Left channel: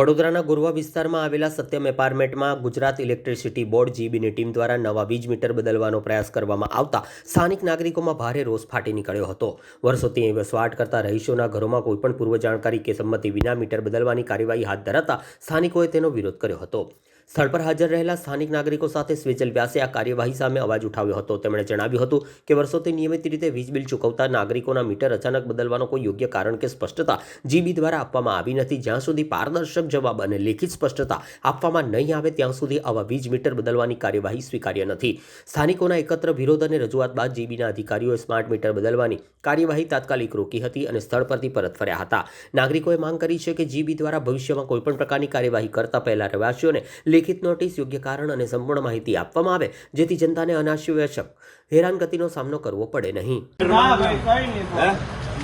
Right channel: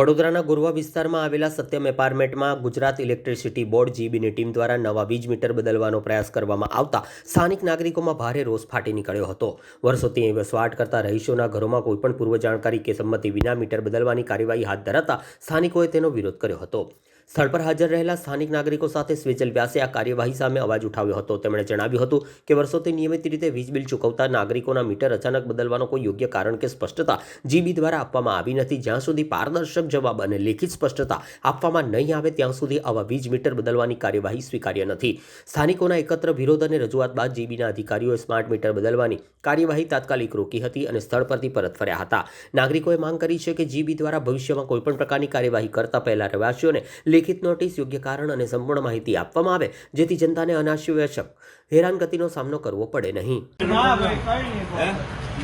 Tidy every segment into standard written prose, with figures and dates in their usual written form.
વડોદરાના ગોરવા વિસ્તારમાં આવેલા સત્યમ એપાર્ટમેન્ટમાં ગુજરાત ઇલેક્ટ્રિસિટી બોર્ડ જીબીની ટીમ દ્વારા નવા વીજ મીટર બદલવાનો પ્રયાસ કરવામાં આવતા સ્થાનિક નાગરિકોમાં ભારે રોષ ફાટી નીકળ્યો હતો। વર્ષોથી અહીં વસવાટ કરતા રહીશોના ઘરોમાં કોઈપણ પૂર્વ જાણકારી કે સંમતિ વિના મીટર બદલવાની કાર્યવાહી હાથ ધરાતા સ્થાનિકોએ તેનો વિરોધ કર્યો હતો। સ્થળ પર હાજર રહેલા સ્થાનિક નાગરિકો સાથે સ્વેજલ વ્યાસે આ કાર્યવાહી સામે અવાજ ઉઠાવ્યો હતો। તેમણે જણાવ્યું હતું કે વર્ષોથી નિયમિત રીતે વીજ બિલ ચૂકવતા નાગરિકોના મીટર અચાનક બદલવાનો કોઈ યોગ્ય કારણ કે સ્પષ્ટતા જીબી દ્વારા આપવામાં આવી નથી। જ્યાં સુધી પારદર્શક જવાબ અને લેખિત સ્પષ્ટતા આપવામાં નહીં આવે ત્યાં સુધી આવા વીજ મીટર બદલવાની કાર્યવાહી સ્વીકાર્ય નથી। સ્થાનિકોના એકત્ર વિરોધ અને રજૂઆત બાદ જીબીના અધિકારીઓએ સ્માર્ટ મીટર બદલવાની કાર્યવાહી તાત્કાલિક રોકી હતી અને સ્થળ પરથી પરત ફર્યા હતા। નાગરિકોએ માંગ કરી છે કે જીબી દ્વારા ભવિષ્યમાં કોઈપણ પ્રકારની કાર્યવાહી કરતા પહેલા રહેવાસીઓને લેખિત નોટિસ, યોગ્ય કારણ અને સંપૂર્ણ માહિતી આપવામાં આવે જેથી જનતાને અનાવશ્યક હેરાનગતિનો સામનો કરવો પડે નહીં।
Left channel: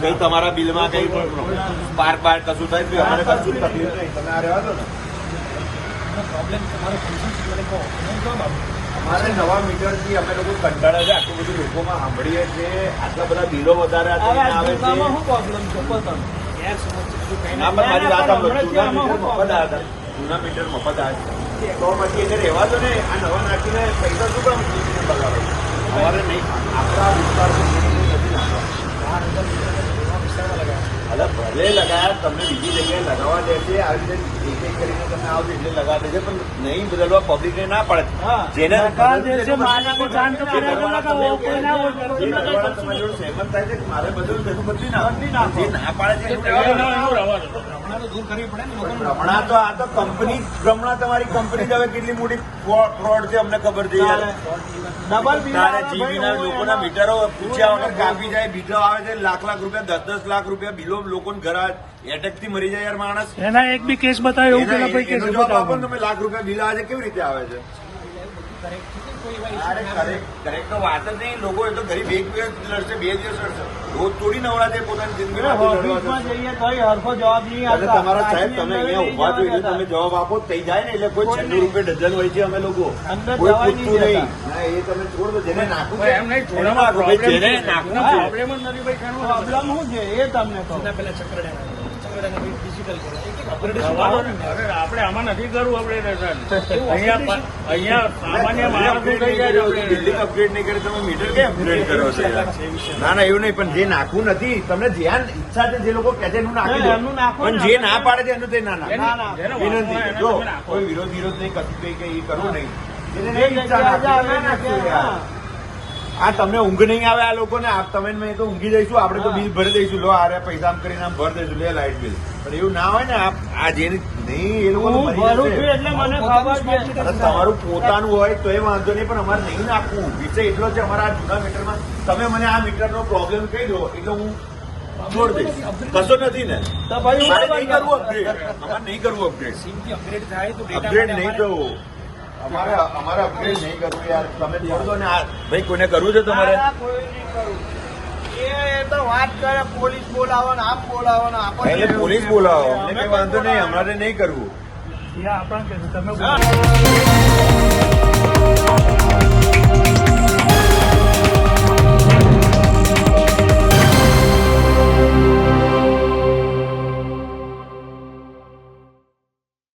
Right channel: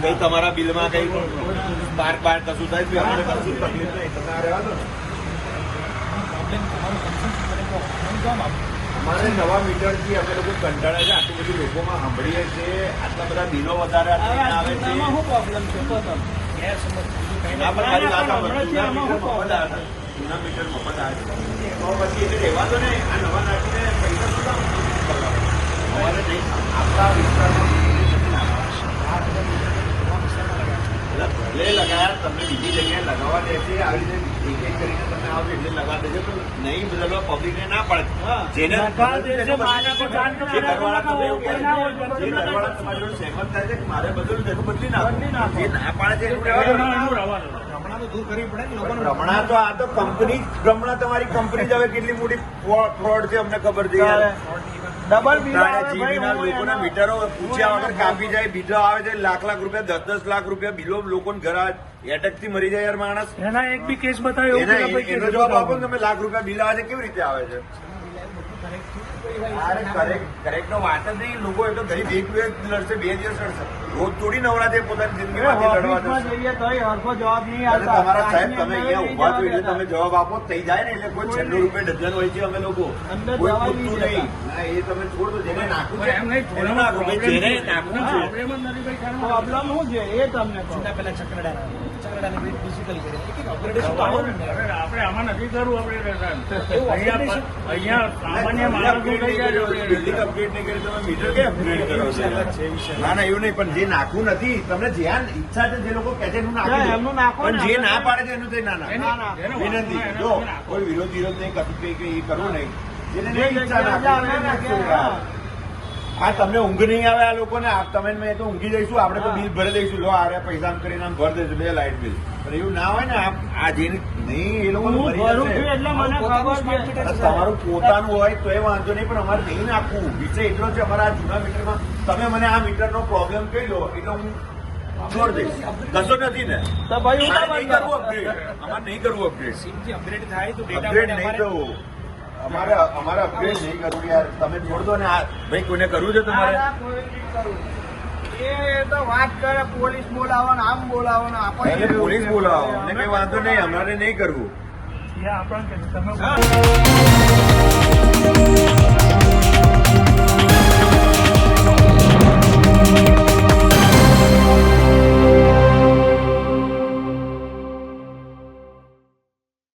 કઈ તમારા બિલમાં કઈ બાર કશું થાય છે, અમારે કશું તકલીફ નહીં, તમે આ રહેવા દો ને। અમારે નવા મીટરથી અમે લોકો કંટાળ્યા છે, આટલું બધું લોકોમાં સાંભળીએ છીએ, આટલા બધા બિલો વધારે આવે છે। જૂના મીટર મફત આવે છે તો પછી એટલે રહેવા દો ને, આ નવા નાખીને પૈસા શું કામ બગાડો? અમારે નહીં, આપણા વિસ્તાર ભલે લગાયા, તમને બીજી જગ્યાએ લગાવવા દે છે, આ રીતે કરીને તમે આ રીતે લગાવી દે, પણ નહીં બદલવા પબ્લિકને ના પડે। જેને સહેમત થાય છે મારે બદલવું નથી ના, જે ના પાડે છે રમણા તો આ તો કંપની રમણા, તમારી કંપની હવે કેટલી મોટી ફ્રોડ છે અમને ખબર છે। ડબલ લોકોના મીટરો પૂછ્યા વગર કાપી જાય, બીજો આવે છે લાખ રૂપિયા, 10 લાખ રૂપિયા બિલો લોકોને ઘર એટેકથી મરી જાય યાર માણસ। એના એક બી કેસ બતાવ્યો, એનો જવાબ આપો ને, તમે લાખ રૂપિયા બિલ આવે છે કેવી રીતે આવે છે? કરેક્ટ તો વાત જ નહીં, લોકો એ તો ગરીબ એક લડશે, 2 દિવસ લડશે, રોજ થોડી નવરા છે પોતાની જિંદગી તમારા સાહેબ તમે અહીંયા ઉભા જોઈએ, તમે જવાબ આપો થઈ જાય ને, એટલે કોઈ 96 રૂપિયા ડઝન હોય છે અમે લોકો અંદર જવા નહીં ના, એ તમે છોડ દો, જેને નાખવું છે એને નાખો, જેને નાખવું છે પ્રોબ્લેમ શું છે એ તમને કહો। પેલા ચક્રડાને આપણે આમાં નથી કરવું, બિલ્ડિંગ અપગ્રેડ નહીં કરે, તમે મીટર કે અપગ્રેડ કરો છો? ના ના એવું નહીં, પણ જે નાખવું નથી તમને જ્યાં ઈચ્છા છે, જે લોકો કહે છે એનું નાખો, પણ જે ના પાડે છે એનું ના વિનંતી છે। જો કોઈ વિરોધ નહીં, કશું કઈ કરવું નહીં, હા તમને ઊંઘ નહીં આવે આ લોકોને, તમે મેં તો ઊંઘી જઈશું, આપણે તો બિલ ભરી દઈશું, લો આ પૈસા આમ કરીને આમ ભરી દઈશું, લે લાઇટ બિલ, પણ એવું ના હોય ને, આ જેની નહીં એ લોકો તમારું પોતાનું હોય તો એ વાંધો નહીં, પણ અમારે નહીં આપવું। વિષય એટલો છે અમારા જૂના મીટરમાં, તમે મને આ મીટરનો પ્રોબ્લેમ કહી દો એટલે હું છોડ દઈશ, કશો નથી ને, તો ભાઈ નહીં કરવું અપગ્રેડ થાય તો અપગ્રેડ નહીં જવું, અમારે અપગ્રેડ નહીં કરવું યાર, તમે છોડ દો ને। ભાઈ કોઈને કરવું છે તમારે? પોલીસ બોલાવો, અમને કઈ વાંધો નહીં, અમારે નહીં કરવું।